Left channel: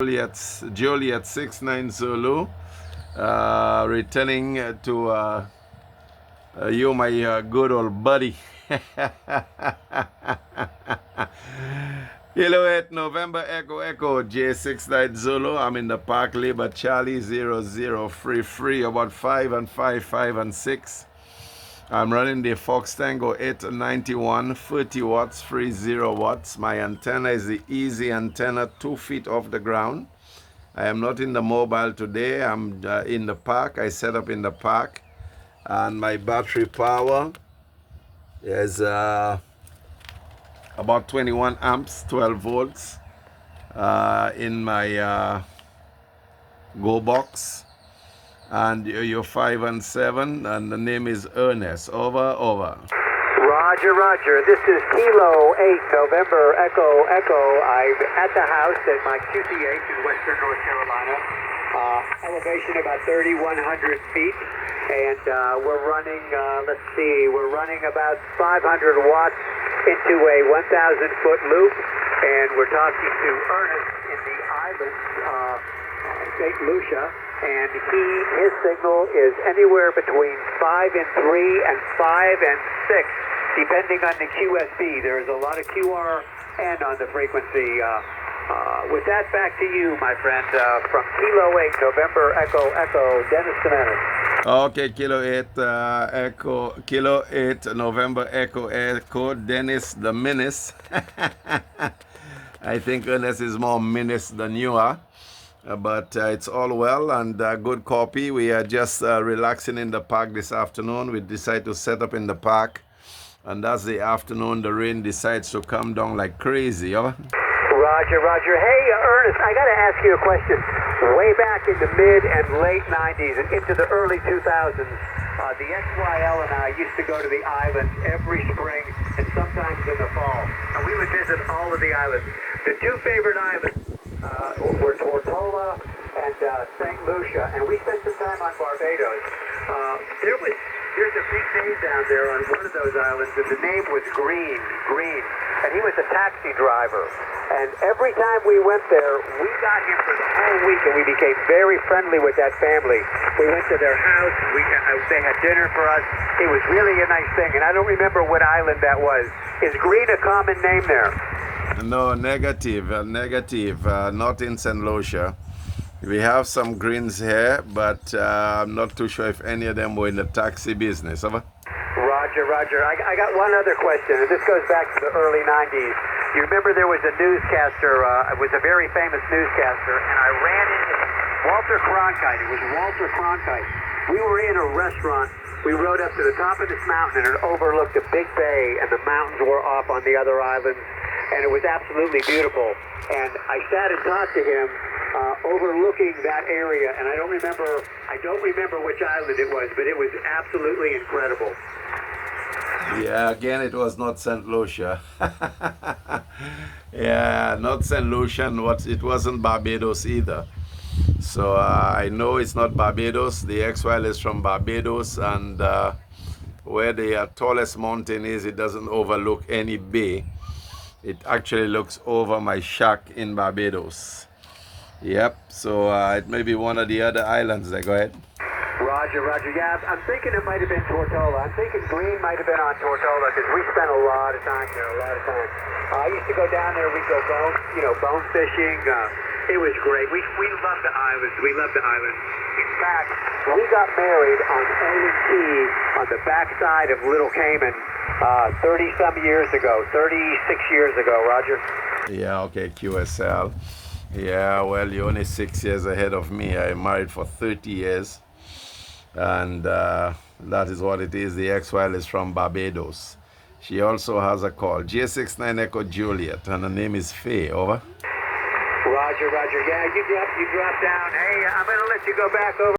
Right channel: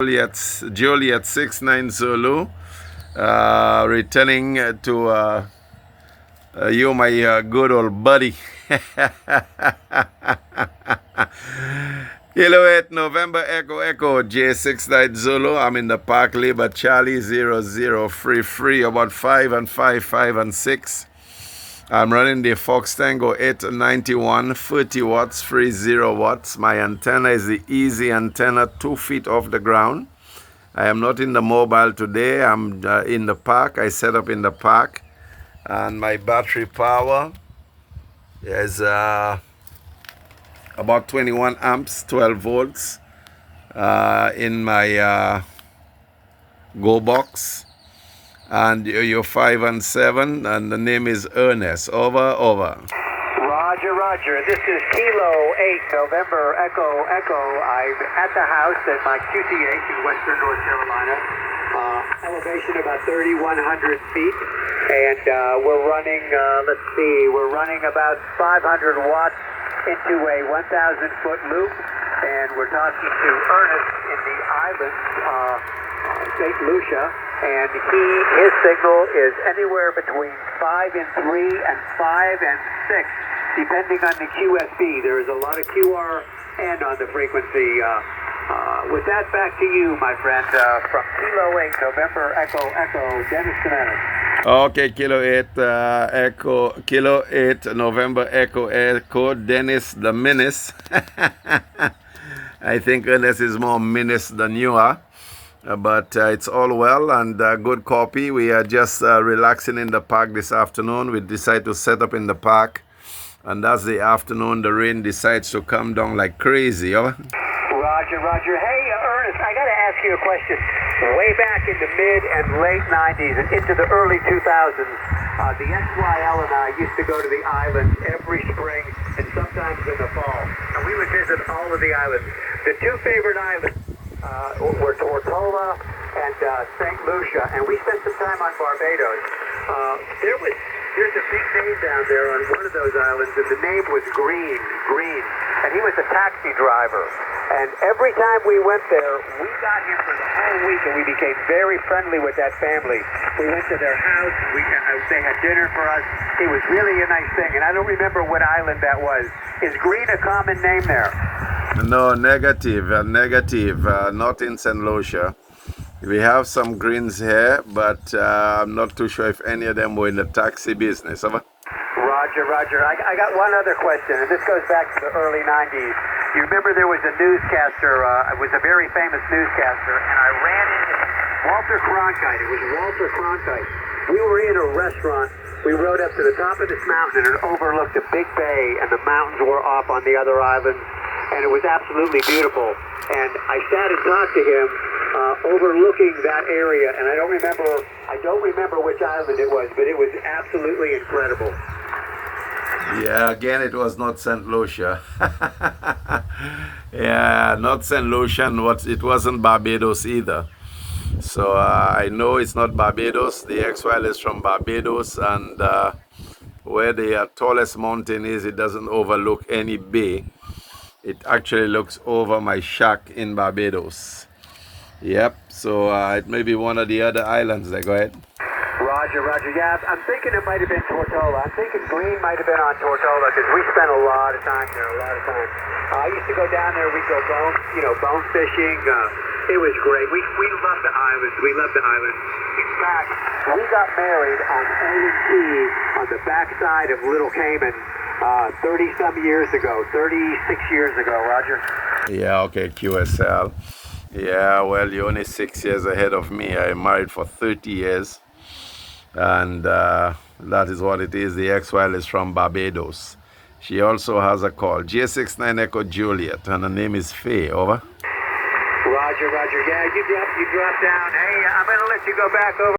Juliet 69 Zulu, returning to you, my good old buddy. Kilo 8 November Echo J69 Zulu. I'm in the Park Labor Charlie 00 free about 5 and 5, 5 and 6. I'm running the Fox Tango 891 30 watts, free 0 watts. My antenna is the easy antenna, 2 feet off the ground. I am not in the mobile today. I'm in the park. I set up in the park. And my battery power is about 21 amps, 12 volts in my Go box. And you're 5 and 7, and the name is Ernest. Over. Roger. This is Kilo 8 November Echo. I'm at the house at my QTH in western North Carolina. Elevation about 3,100 feet. And we're running, we're running about 500 watts into a 1,000-foot loop. And we're talking to Ernest in the islands, St. Lucia. And his signal is anywhere between 5 and 3 and 5 and 6, depending on the QSB. There's a lot of QRN on the frequency. With that, back to you, my friend, from Kilo 8 November Echo, Dennis the Menace. Okay, Kilo 8 November Echo, Dennis the Menace. I think Ernest is more menace than you are. But it's all well and good copy. We are just relaxing in the park this afternoon. We decided to set up in the park, and that's the afternoon the rain decides to come down like crazy. Over. Roger. Hey, Ernest, I got to ask you a question. Way back in the mid and late 90s and into the early 2000s, the XYL and I used to go to the island every spring and sometimes in the fall. And we would visit all of the islands. The two favorite islands were Tortola and St. Lucia, and we spent some time on Barbados. There's a big name down there on one of those islands, and the name was Green, and he was a taxi driver. And every time we went there, we got him for the whole week, and we became very friendly with that family. We went to their house, they had dinner for us. It was really a nice thing, and I don't remember what island that was. Is Green a common name there? No, negative, not in St. Lucia. We have some greens here, but I'm not too sure if any of them were in the taxi business. Over. Roger. I got one other question, and this goes back to the early 90s. You remember there was a newscaster, it was a very famous newscaster, and I ran into Walter Cronkite. It was Walter Cronkite. We were in a restaurant. We rode up to the top of this mountain, and it overlooked a big bay, and the mountains were off on the other islands. And it was absolutely beautiful. And I sat and talked to him overlooking that area. And I don't remember which island it was, but it was absolutely incredible. Yeah, again, it was not St. Lucia. Yeah, not St. Lucia, and it wasn't Barbados either. So I know it's not Barbados. The XYL is from Barbados, and where the tallest mountain is, it doesn't overlook any bay. It actually looks over my shack in Barbados. Yep, so it may be one of the other islands there. Go ahead. Roger. Yeah, I'm thinking it might have been Tortola. I'm thinking Green might have been on Tortola because we spent a lot of time there, I used to go down there. We'd go bone fishing. It was great. We loved the islands. In fact, we got married on A&T on the backside of Little Cayman 30-some years ago, 36 years ago, Roger. Yeah, okay, QSL. Yeah, well, you're only 6 years ahead of me. I'm married for 30 years. And that is what it is. The XYL is from Barbados. She also has a call. J69 Echo Juliet, and her name is Faye. Over. Roger. Yeah, you dropped down. Hey, I'm going to let you go back over.